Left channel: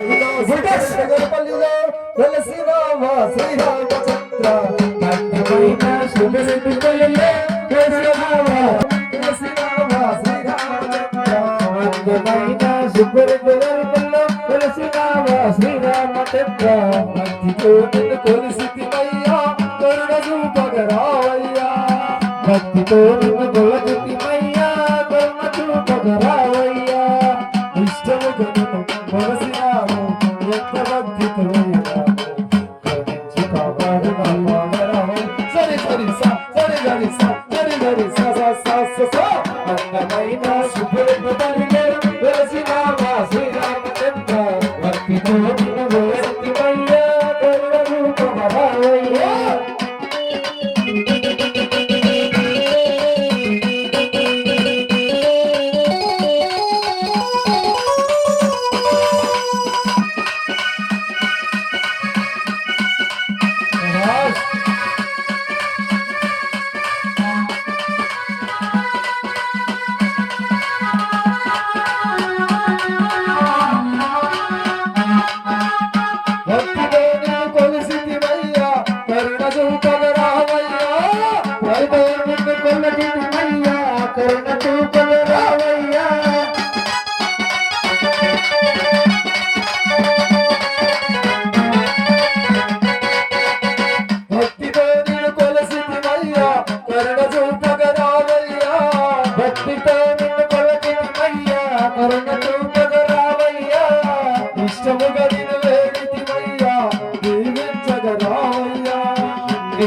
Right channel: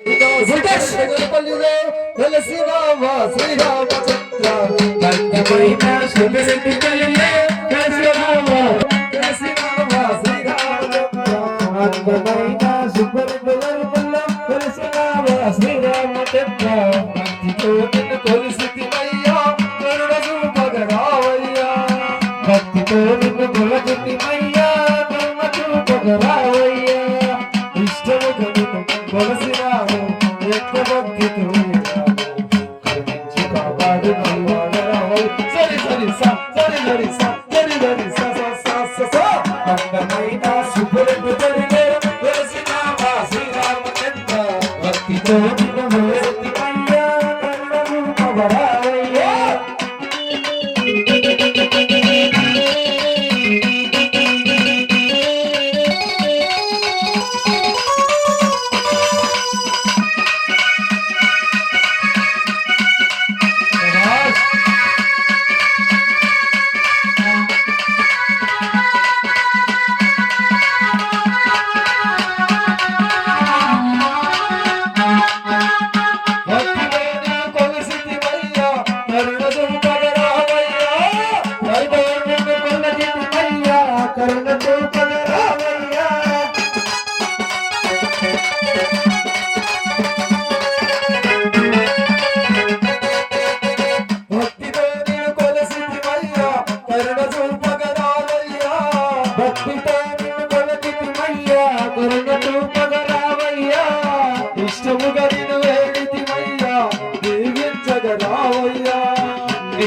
నగరపల్లిలో వెలసి రామ శ్రీరామచంద్ర దండమైన శుభరెడ్డి పల్లిలో వెలసి రామ శ్రీరామచంద్ర దండమైన శుభరెడ్డి పల్లిలో వెలసి రామ శ్రీరామచంద్ర భక్తితో నిన్ను కొలిసితిమయ్యా కరుణ చూపగరావయ్యా భక్తితో నిన్ను కొలచితిమయ్యా కరుణ చూపగరావయ్యా ఇష్టముగా నిన్ను కొలసి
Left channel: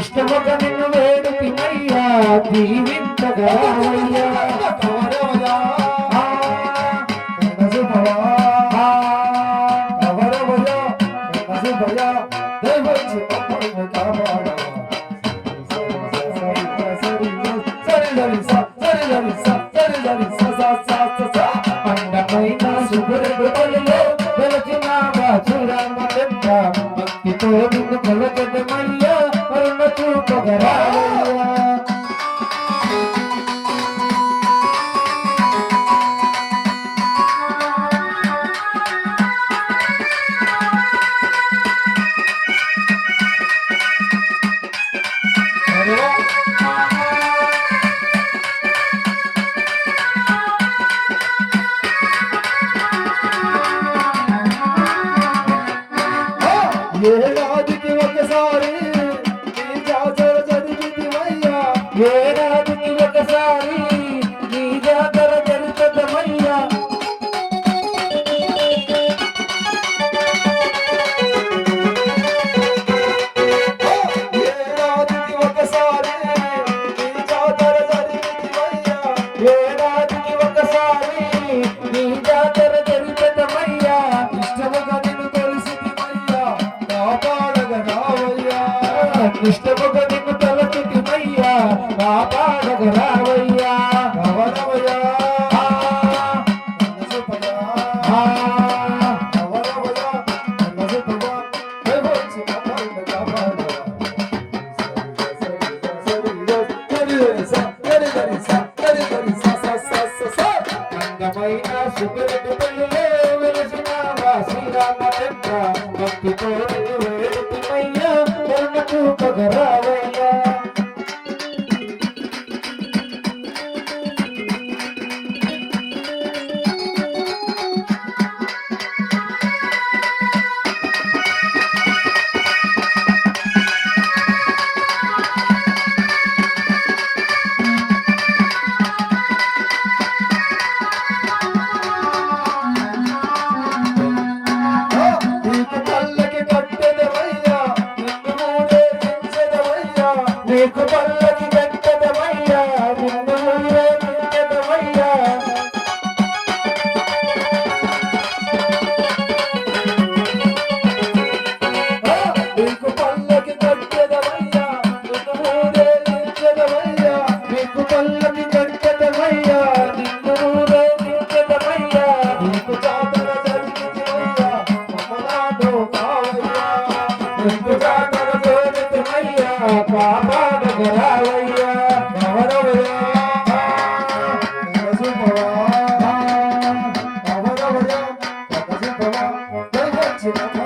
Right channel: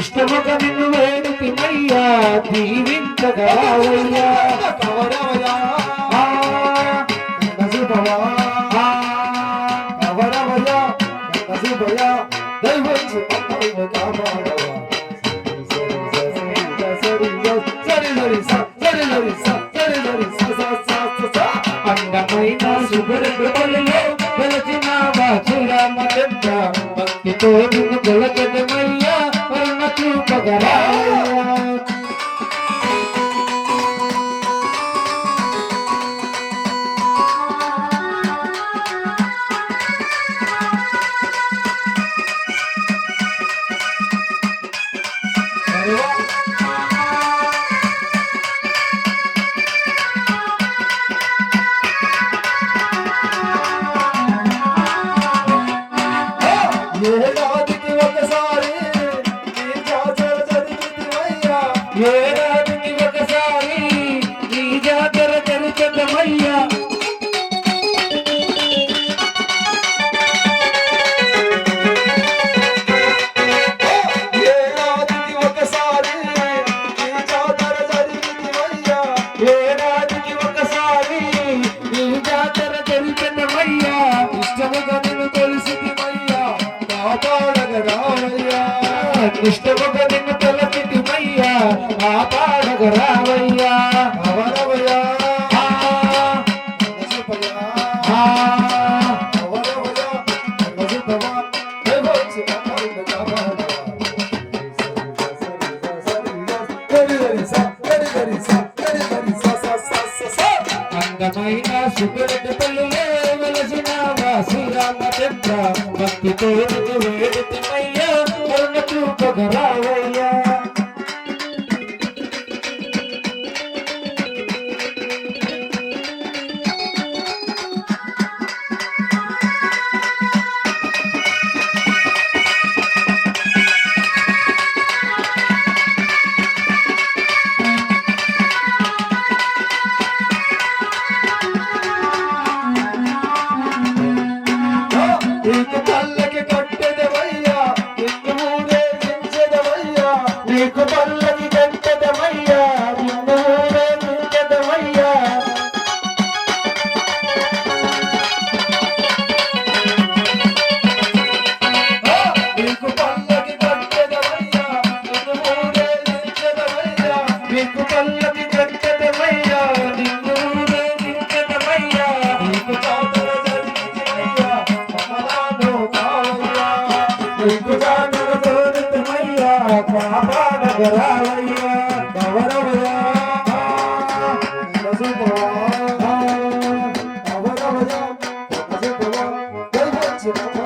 ఇష్టముగ నిన్ను వేడుతిమయ్యా దీవించగలవయ్యా కవరవయా కవరవయా కవరవయా దైవచ్చు అమ్మను కాపాడవా అందమైన శుభ్రతలో వెలసిన శ్రీరామచంద్ర భక్తితో నిన్ను కొలకదమయ్యా చూపగరావయ్యా ఏడాదికి ఒకసారి ఏడాదికి ఒకసారి నీ జాతర జరుగుతమయ్యా ఏడాదికి ఒకసారి నీ జాతర జరుగుతమయ్యా ఏడాదికి ఒకసారి నీ జాతర జరుగుతమయ్యా ఇష్టముగా నిన్ను కొలిసితిమయ్యా కాపాడగరావయ్యా ఇష్టముగా నిన్ను కొలిసితిమయ్యా కాపాడగరావయ్యా కవరవయ్యా అందమైన సుఖరెడ్డి పల్లిలో వెలసిన శ్రీరామచంద్ర భక్తితో వేడుతిమయ్యా కరుణ చూపగరావయ్యా నీకు పల్లకి కట్టదమయ్యా నిన్ను ఊరేగించదమయ్యా నీకు పల్లకి కట్టదమయ్యా నిన్ను ఊరేగించదమయ్యా నీకు పల్లకి కట్టదమయ్యా నిన్ను ఊరేగించదమయ్యా నీకు జాతర జరిగించదమయ్యా కమలాలో కావయ్యా నీకు జాతర జరుగుతమయ్యా కాపాడగరావయ్యా కవరవయ్యా కవరవయ్యా కవరవయ్యా వచ్చిన